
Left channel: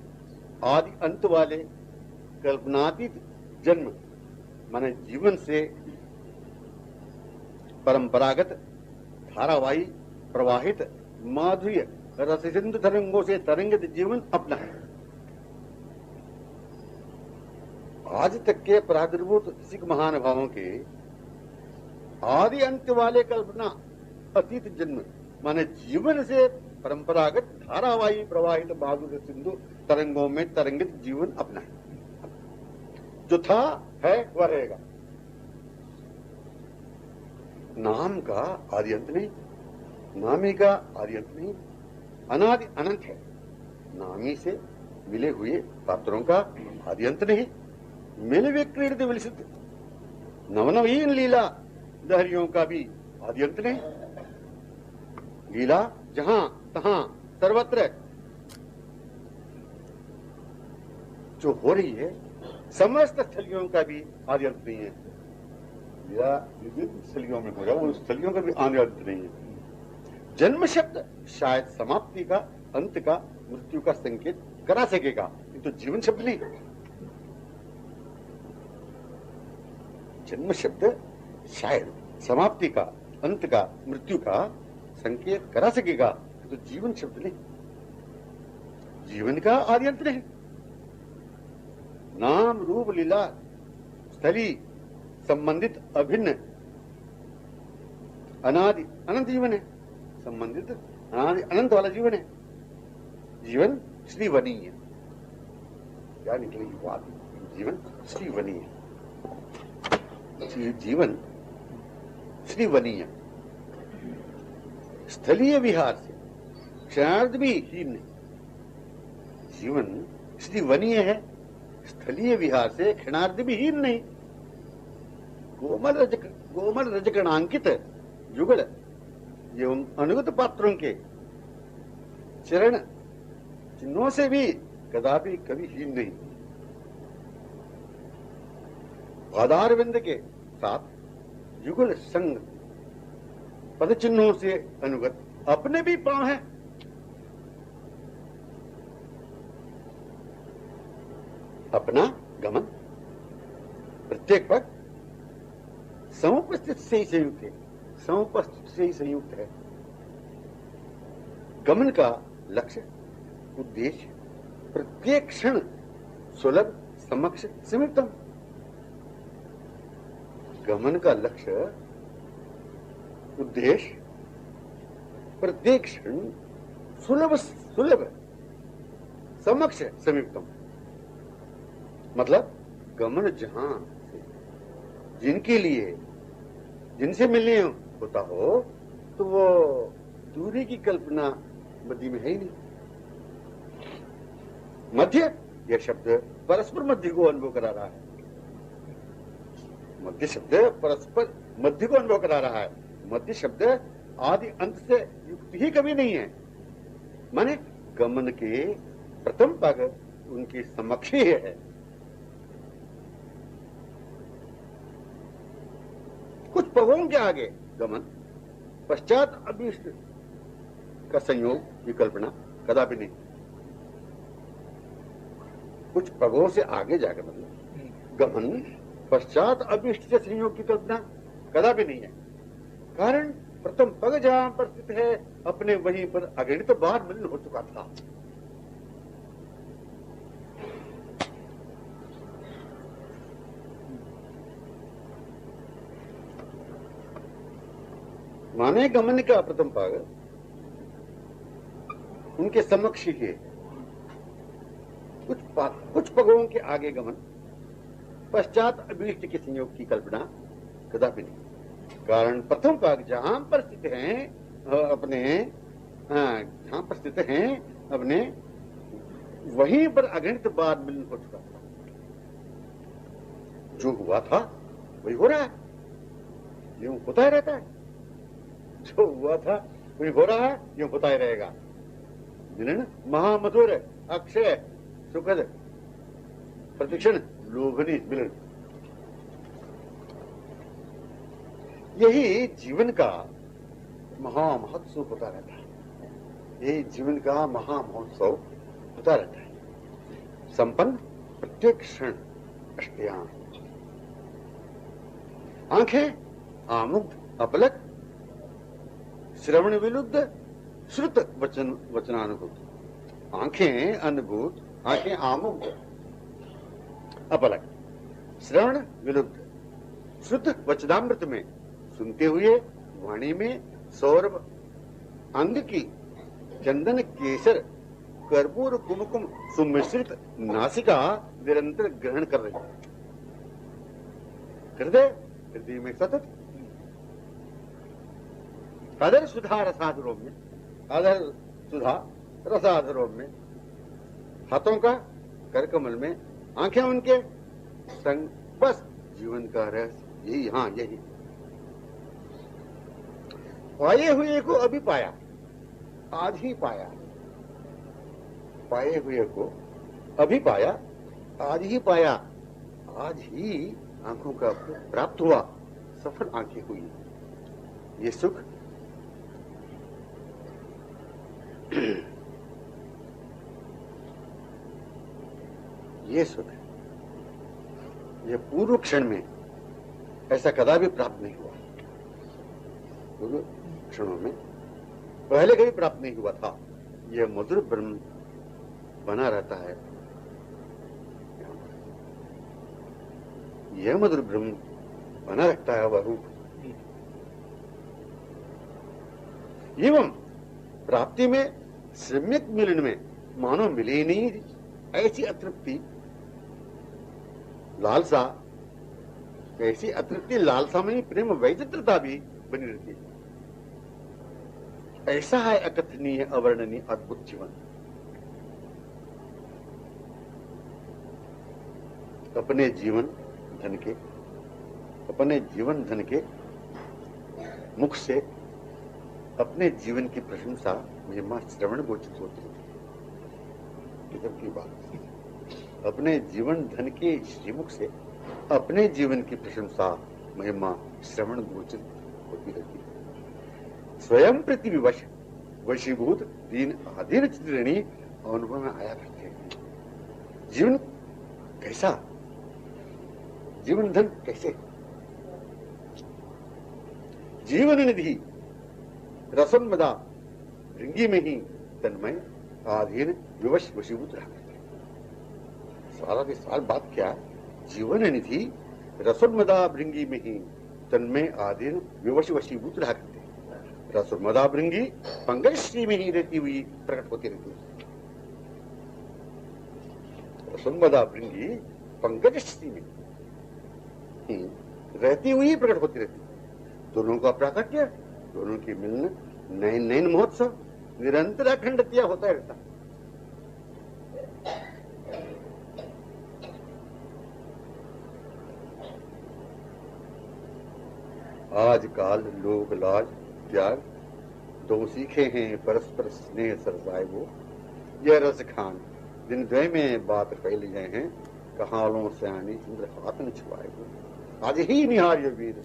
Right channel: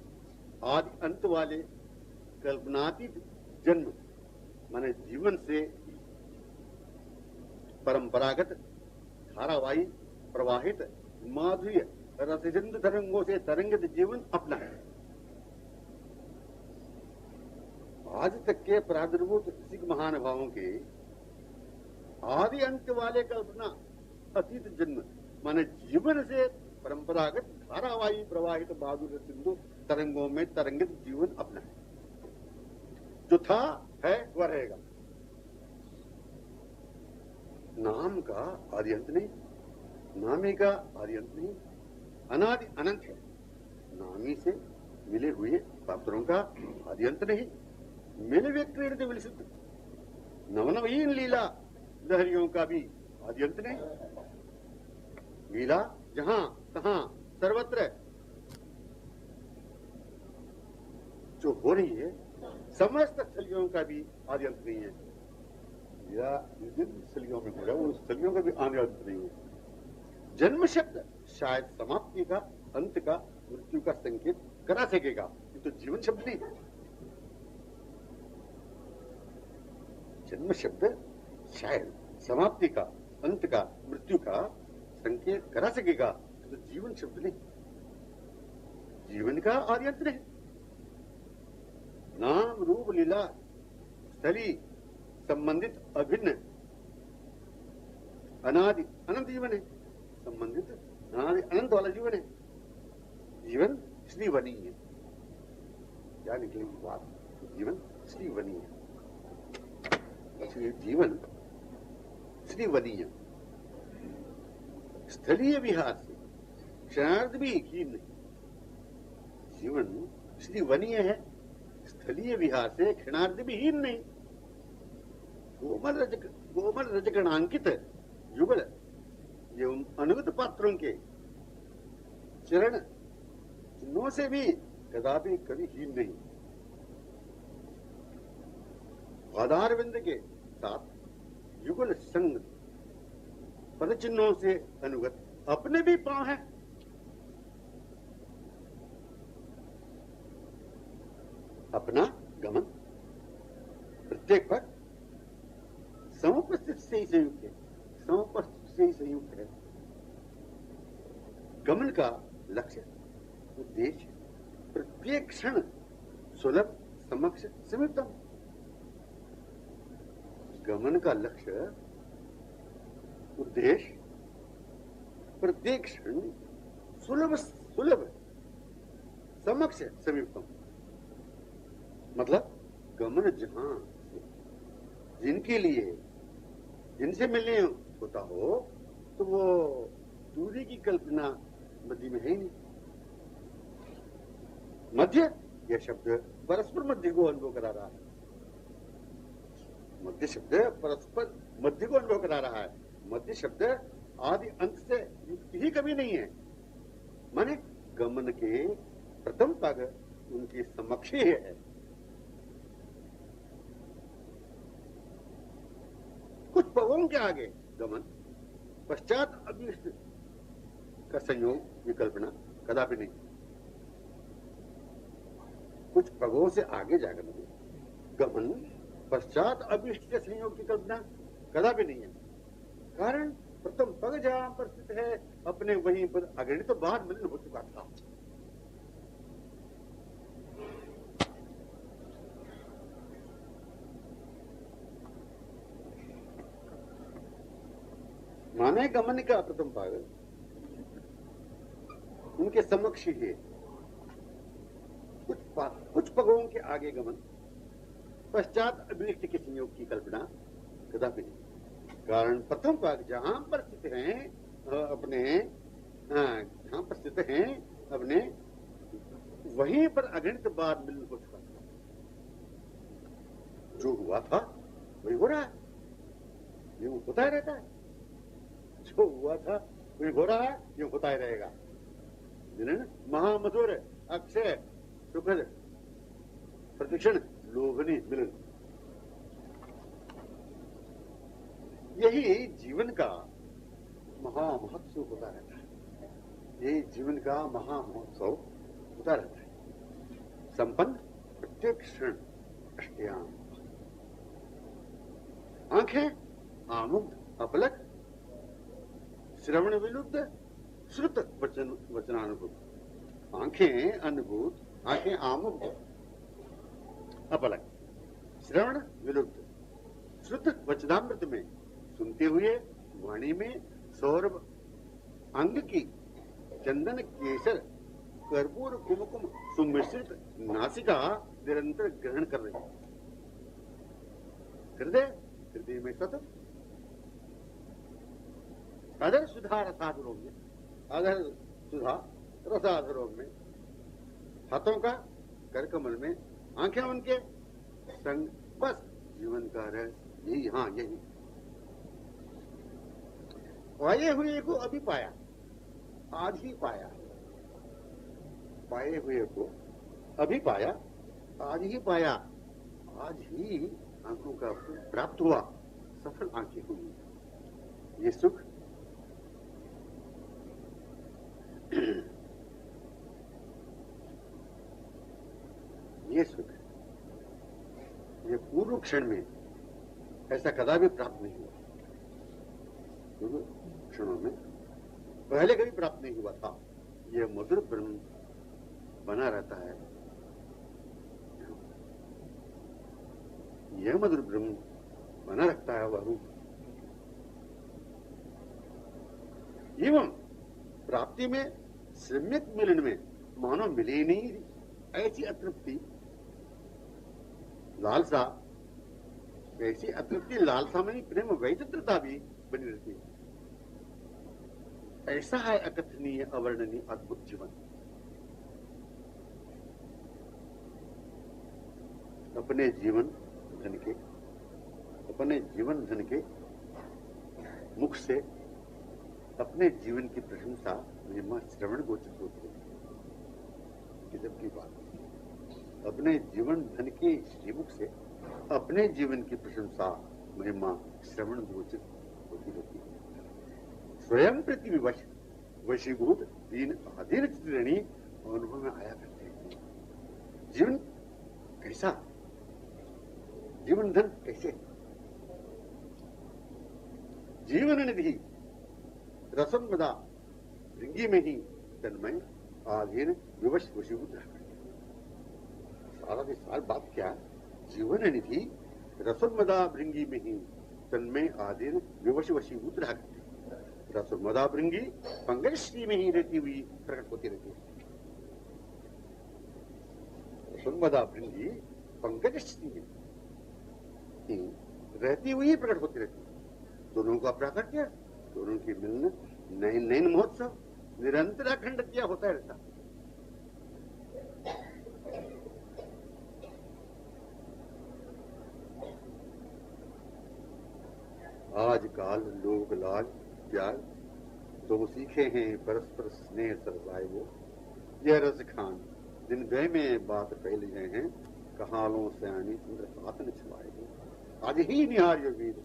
आदि अंत वाले कल्पनातीत जन्म माने जीवन से परंपरागत धारावाही प्रवाहित माधुर्य रससिंधु तरंगों से तरंगित जीवन अपना है। आज तक के प्रादुर्भूत सिख महानुभावों के आदि अंत वाले कल्पना अतीत जन्म माने जीवन से परंपरागत धारावाही प्रवाहित माधुर्य सिंधु तरंगों में तरंगित जीवन अपना है। जो था है वह रहेगा। नाम का आदि अंत नहीं, नामी का आदि अंत नहीं, अनादि अनंत है। नामी से मिले हुए पात्रों का आदि अंत नहीं, मिल विक्रीडित विलसित नवनवीन लीला लहरियों का भी आदि अंत नहीं। लीला जहां तहां सर्वत्र जो हो रही है, समस्त स्थलियों का भी आदि अंत नहीं है। या विभिन्न स्थलियों में हो रहा है, उन स्थलियों का भी आने अंत नहीं है। जन्म शब्द शायद समाप्ति का, अंत का, मृत्यु का संकेत करा सकेगा, ये तो जीवन शब्द नहीं। जन्म शब्द शायद समाप्ति का, अंत का, मृत्यु का संकेत करा सकेगा, ये तो जीवन शब्द नहीं। जीवन का आदि अंत नहीं। नाम रूप लीला स्थली संबंधित अभिन्न अनादि अनंत जीवन है। संबंधित अनादि अनंत वाला जीवन है। जीवन श्रीवनीय, क्या निकलेगी बात? जीवन श्रीवनीय, जीवन श्रीवनीय, स्थलीय विहार से क्षणार्ध भी हीन नहीं। जीवन श्रीवनीय है, स्थलीय विहार से क्षणार्ध भी हीन नहीं। गोमल रजकणांकित युगल एवं अनुगत पात्रों के चरण चिन्हों से भी कदापि कभी हीन नहीं। आधारविंद के साथ युगल संग पद चिन्हों से अनुगत अपने भी पांव हैं। अपना गमन प्रत्येक पद समुपस्थित से ही संयुक्त है, समुपस्थित से ही संयुक्त है। गमन का लक्ष्य, उद्देश्य प्रत्येक क्षण सुलभ, समक्ष, समीपतम। गमन का लक्ष्य, उद्देश्य प्रत्येक क्षण सुलभ, समक्ष, समीपतम। मतलब गमन जहां से जिनके लिए, जिनसे मिलने होता हो, तो वो दूरी की कल्पना मध्य में है ही नहीं। मध्य, यह शब्द परस्पर मध्य को अनुभव करा रहा है। मध्य शब्द परस्पर मध्य को अनुभव करा रहा है। मध्य शब्द आदि अंत से युक्त ही कभी नहीं है। माने गमन के प्रथम पग उनके समक्ष ही है। कुछ पगों के आगे गमन, पश्चात अभीष्ट का संयोग, ये कल्पना कदापि नहीं। कुछ पगों से आगे जाकर मतलब गमन, पश्चात अभीष्ट से संयोग की कल्पना कदापि नहीं है। कारण प्रथम पग जहां पर स्थित है, अपने वहीं पर अगणित तो बार मिलन हो चुका था। माने गमन का प्रथम पग उनके समक्ष ही है। कुछ पगों के आगे गमन, पश्चात अभीष्ट के संयोग की कल्पना कदापि नहीं। कारण प्रथम पग जहां पर स्थित हैं अपने, जहां पर स्थित हैं अपने, वहीं पर अगणित बार मिलन हो चुका था। जो हुआ था वही हो रहा है, यूं होता ही रहता है। जो हुआ था वही हो रहा है, यूं होता ही रहेगा। मिलन महामधुर, अक्षय, सुखद, प्रतिक्षण लोभनीय मिलन, यही जीवन का महामहोत्सव होता रहता है। यही जीवन का महामहोत्सव होता रहता है। संपन्न प्रत्येक क्षण अष्टयाम, आंखें आमुग्ध अपलक, श्रवण विलुब्ध, श्रुत वचनानुभूत। आंखें अनुभूत, आंखें आमुग्ध अपलक, श्रवण विलुब्ध, श्रुत वचनामृत में सुनते हुए, वाणी में सौरभ अंग की चंदन केसर कर्पूर कुमकुम सुमिश्रित नासिका निरंतर ग्रहण कर रही है। हृदय में सतत अधर सुधा रसाधरों में, अधर सुधा रसाधरों में, हाथों का करकमल में, आंखें उनके संग, बस जीवन का रहस्य यही। हाँ, यही पाए हुए को अभी पाया, आज ही पाया। पाए हुए को अभी पाया, आज ही पाया। आज ही आंखों का प्राप्त हुआ, सफल आंखें हुई। ये सुख ये सुख, ये पूर्व क्षण में ऐसा कदापि प्राप्त नहीं हुआ। पूर्व क्षणों में पहले कभी प्राप्त नहीं हुआ था। यह मधुर ब्रह्म बना रहता है। यह मधुर ब्रह्म बना रखता है वह रूप। एवं प्राप्ति में, सम्यक मिलन में मानो मिले नहीं ऐसी अतृप्ति लालसा, ऐसी अतृप्ति लालसा में प्रेम वैचित्रता भी बनी रहती है। ऐसा है अकथनीय अवर्णनीय अद्भुत जीवन। अपने जीवन धन के मुख से अपने जीवन की प्रशंसा महिमा श्रवण गोचरित होती है। किधर की बात, अपने जीवन धन के श्रीमुख से अपने जीवन की प्रशंसा महिमा श्रवण गोचरित होती रहती है। स्वयं प्रति विवश वशीभूत दीन अधीन चित्रणी अनुभव में आया करते हैं। जीवन कैसा, जीवन धन कैसे, जीवन निधि रसम मदा भृंगी में ही तन्मय आधीन विवश वशीभूत रहा करते। सारा की सारी बात क्या, जीवन निधि रसम मदा भृंगी में ही तन्मय आधीन विवश वशीभूत रहा करते। रसम मदा भृंगी पंकज श्री में ही रहती हुई प्रकट होती रहती है। रसम मदा भृंगी पंकज श्री में रहती हुई प्रकट होती रहती है। दोनों का प्राकट्य, दोनों की मिलन, नयन नयन महोत्सव निरंतर अखंडतया होता रहता। आजकल लोग लाज त्याग दो सीखे हैं परस्पर स्नेह सरसाए वो। यह रस खान दिन द्वय में बात फैल गए हैं, कहालों से आनी चंद्र हाथ न छुआए वो। आज ही निहार्य वीर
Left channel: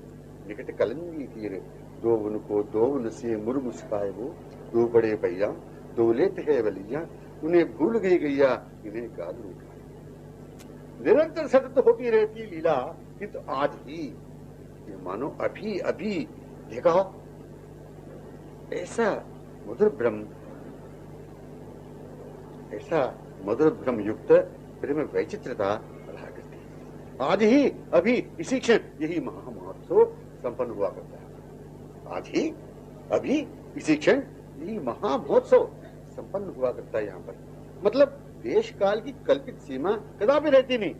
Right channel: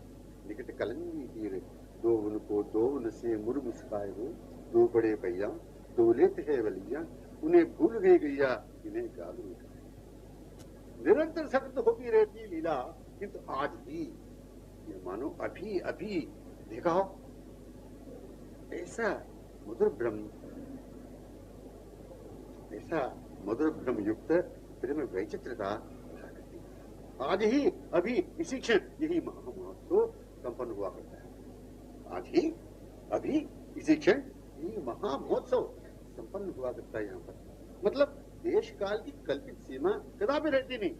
निकट कलंगी तीर, दो उनको दो उन से मुर मुस्काए वो। दो बड़े भैया दो लेते है बलिया, उन्हें भूल गई गैया इन्हें गाल में खाए। निरंतर सतत होती रहती लीला, किंतु आज ही ये मानो अभी अभी देखा हो ऐसा मधुर ब्रह्म युक्त प्रेम वैचित्रता रहा करती है। आज ही अभी इसी क्षण यही महामहोत्सव संपन्न हुआ करता है। आज ही अभी इसी क्षण यही महामहोत्सव संपन्न हुआ करता है। यहाँ पर मतलब देश काल की कल्पित सीमा कदापि रहती नहीं।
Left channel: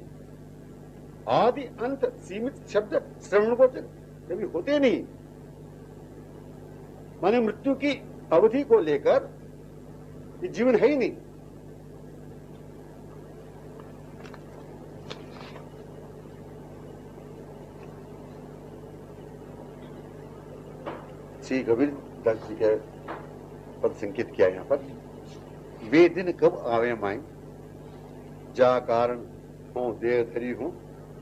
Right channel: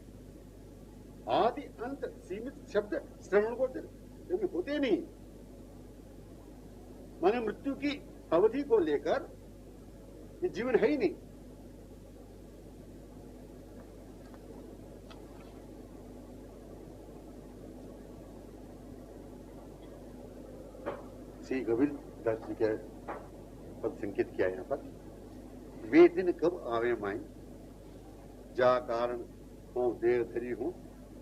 आदि अंत सीमित शब्द श्रवण को कभी होते नहीं। माने मृत्यु की अवधि को लेकर ये जीवन है ही नहीं। श्री कबीर दास जी के पद संकेत किया यहाँ पर। वे दिन कब आवे माई, जा कारण हो देर धरी हो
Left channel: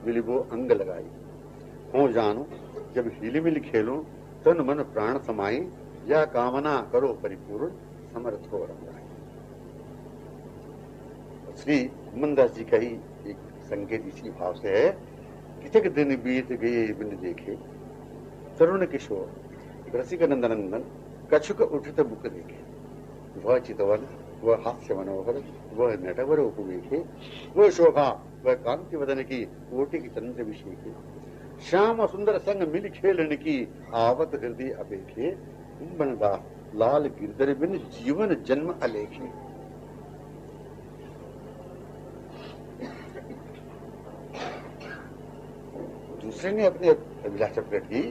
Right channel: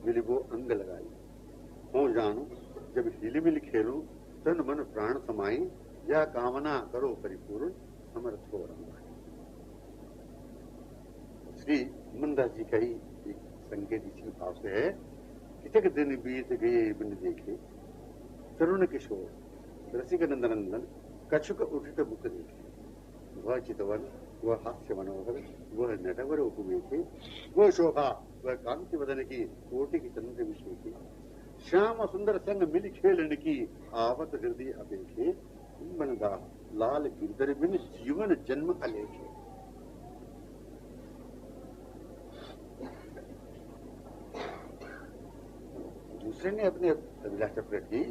विलिबो अंग लगाई। हो जानो जब हिलमिल खेलो तन मन प्राण समाई, या कामना करो परिपूर्ण समर्थ हो रंगाई। श्री मंदास जी का ही एक संकेत इसी भाव से है। कितक दिन बीत गए बिन देखे, तरुण किशोर रसिक नंदनंदन कछुक उठित बुक देखे। वह चितवन, वह हास्य मनोहर, वह नटवर उपमेखे, वह शोभा, वह कांति वदन की कोटि की चंद्र विषेखे। श्याम सुंदर संग मिल खेलन की आवत हृदय अपेखे। बनदा लाल गिरधर बिन जीवन जन्म अलेखे। दूसरे ने अपनी अभिलाषा प्रकट की।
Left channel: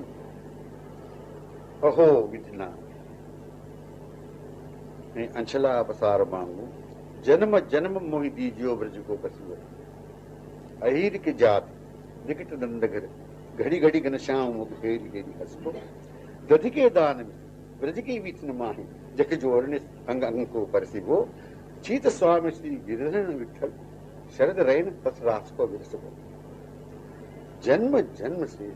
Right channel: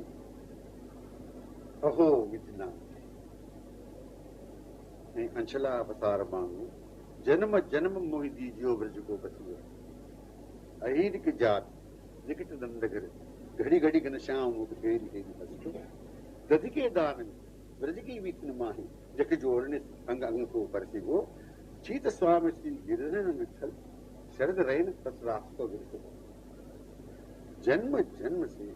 अहो विधना अंशला पसार मांगू, जन्म जन्म मोहि दीजियो ब्रज को बसियो। अहीर के जात निकट नंदगर, घड़ी घड़ी घनश्याम मुख फेरी फेरी हंसको। दधि के दान में ब्रज की विष्ण माही, जख जोड़ने अंग अंग को परसिबो। चीत स्वामी श्री गिरिधर विठल, शरद रैन पस रास को विरसबो। जन्म जन्म से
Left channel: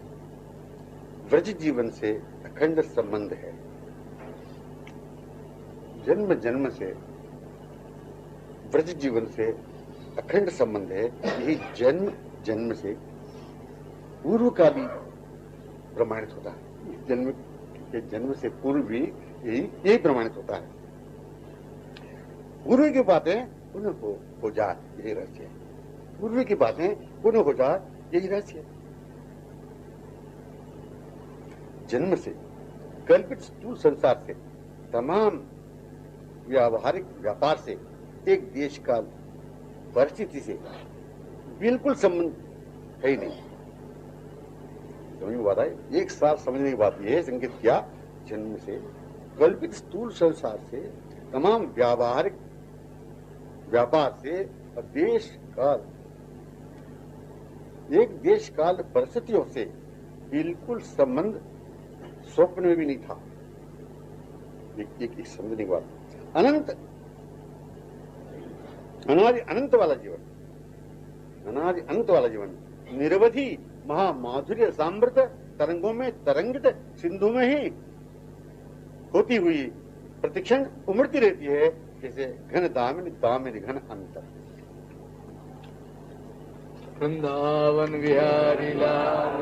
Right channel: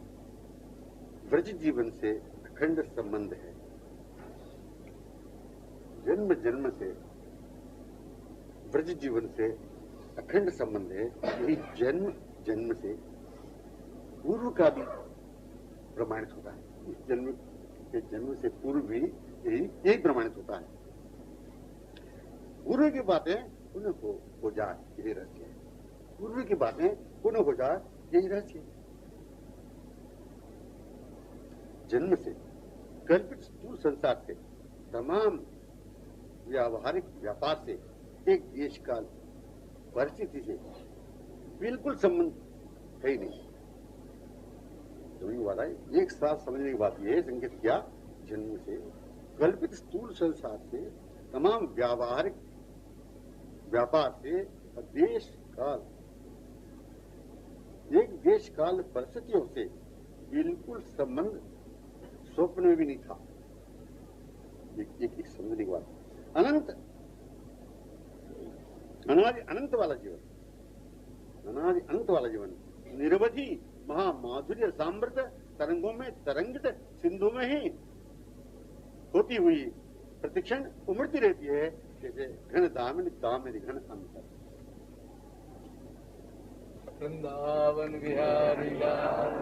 व्रज जीवन से अखंड संबंध है। जन्म जन्म से व्रज जीवन से अखंड संबंध है। यही जन्म जन्म से पूर्व का भी प्रमाणित होता है। इस जन्म के जन्म से पूर्व भी यही प्रमाणित होता है। पूर्व की बातें पुनः हो जाए, यही रहस्य है। पूर्व की बातें पुनः हो जाए, यही रहस्य है। जन्म से कल्पित स्थूल संसार से, तमाम व्यावहारिक व्यापार से, एक देश काल परिस्थिति से बिल्कुल संबंध है ही नहीं। समझ में बात है? एक साथ समझने की बात यह है, संकेत क्या? जन्म से कल्पित स्थूल संसार से, तमाम व्यावहारिक व्यापार से और देश काल, एक देश काल परिस्थितियों से बिल्कुल संबंध स्वप्न में भी नहीं था। एक समझने की बात। अनंत अनादि अनंत वाला जीवन, अनादि अनंत वाला जीवन निरवधि महामाधुर्य सामृत तरंगों में तरंगित सिंधु में ही होती हुई प्रतिक्षण उमड़ती रहती है, जैसे घन दामिनी दामिनी घन अंतर। वृंदावन विहारी लाल